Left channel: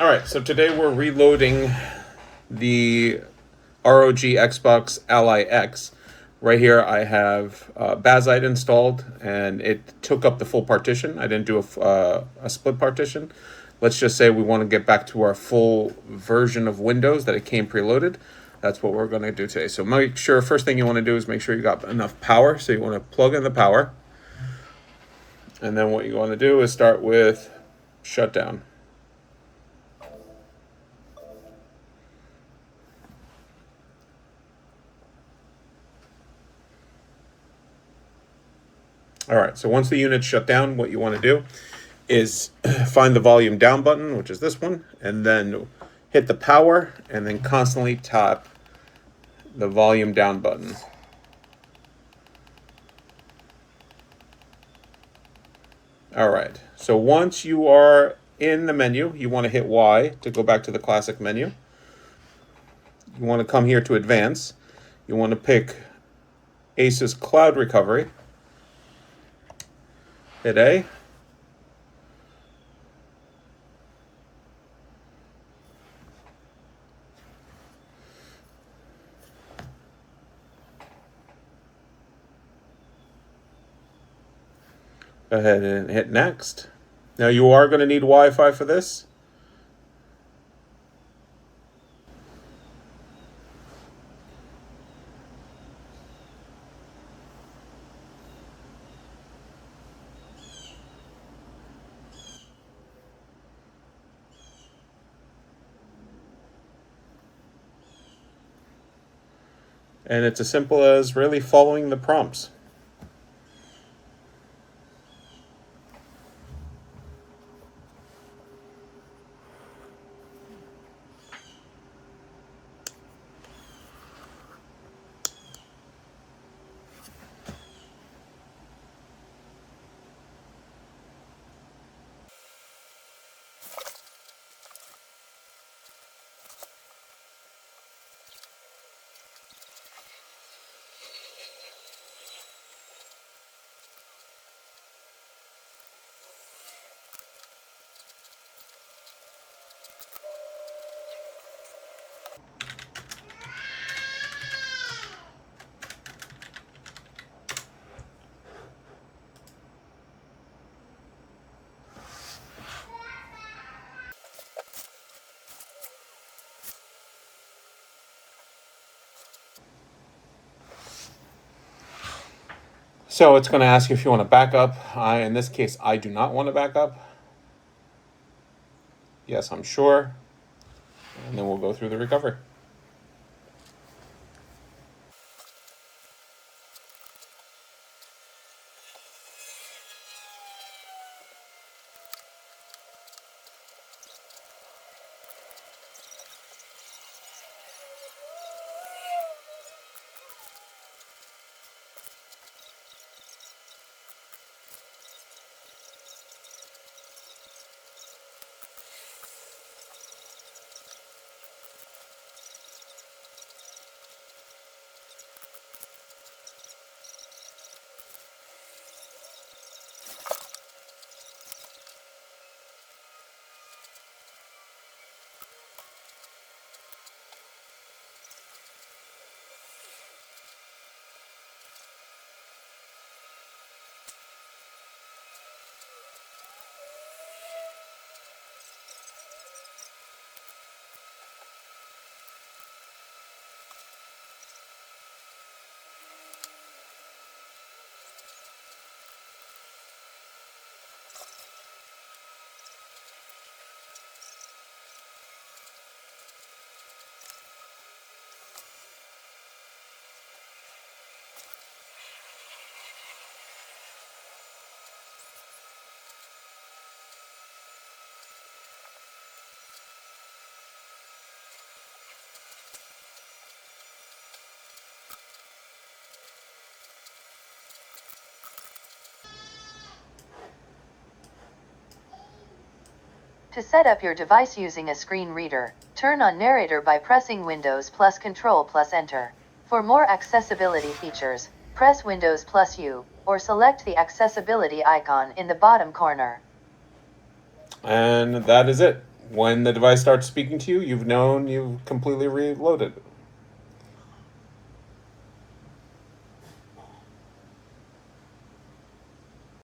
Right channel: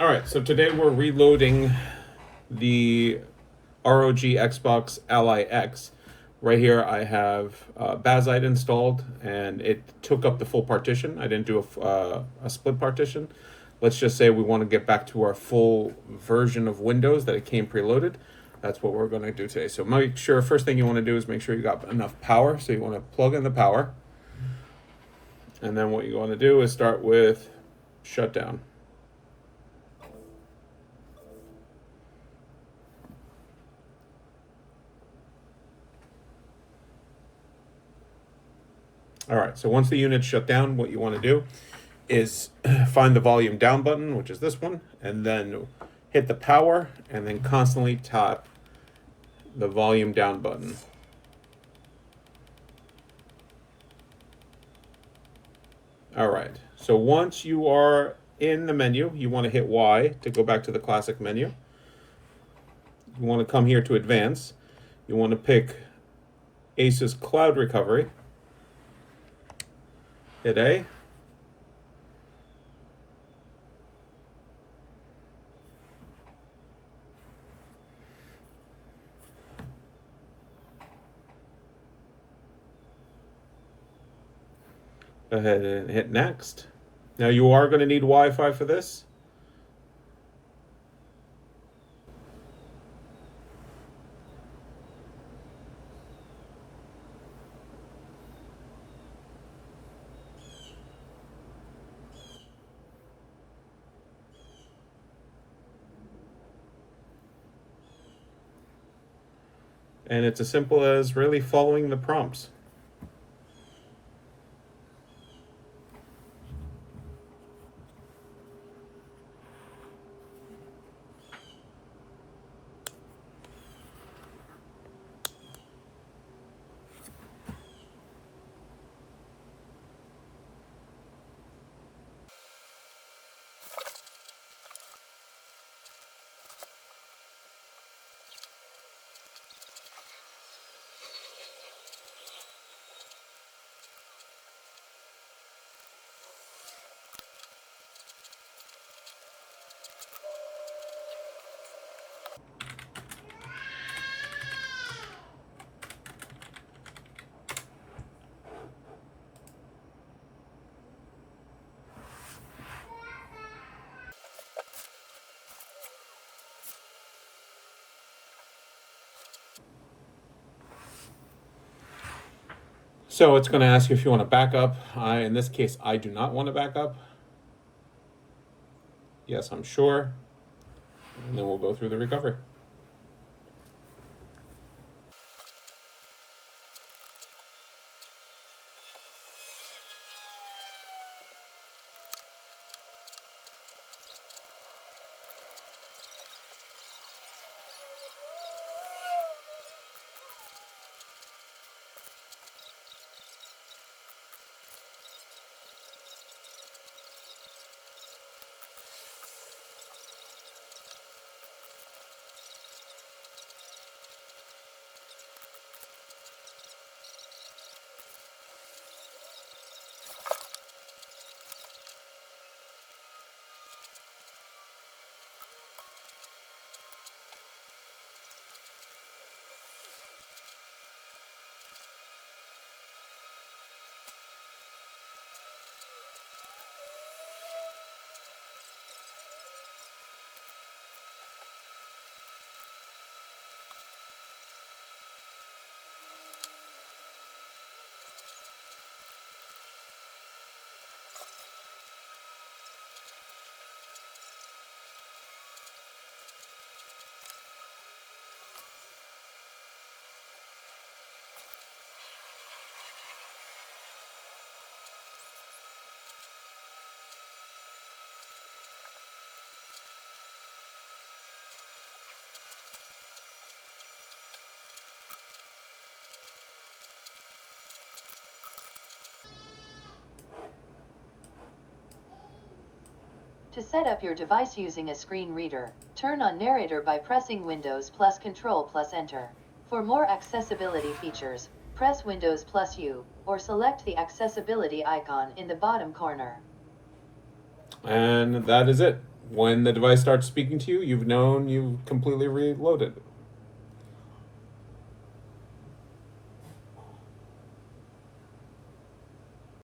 All right, so today we're reloading the ROG Xbox Ally X. Right here I have Basite installed, and it took up the full partition. I didn't do a split partition. Let's just say we want to get back to our full version of Windows that it came preloaded. That's what we're going to do today. So make sure, first thing you want to do is make sure you got enough power. So you want to plug in the power. And then what you want to do is start with shutdown. All right, so once the unit's shut down, what you want to do is find the volume down button, which is this one, and then hit the power and then constantly tap the volume down button. All right, so once you are in the menu, you want to hit Y to go back to the classic menu. You want to come here to advance. You want to pick ASUS Cloud Recovery. Hit A. Go ahead and hit next. Now you are going to need Wi-Fi for this. And it's as simple as really following the prompts. So it's going to ask you if you want to back up. In this case, I do not want to back up. Yes, I'm sure. And then we'll go through the recovery. To set up your device using a screen reader, turn on Narrator by pressing Windows plus Control plus Enter. For more accessibility features, press Windows plus U, or select the accessibility icon in the bottom corner. And that is it. When the device starts speaking to you, you've known you've completely reloaded it.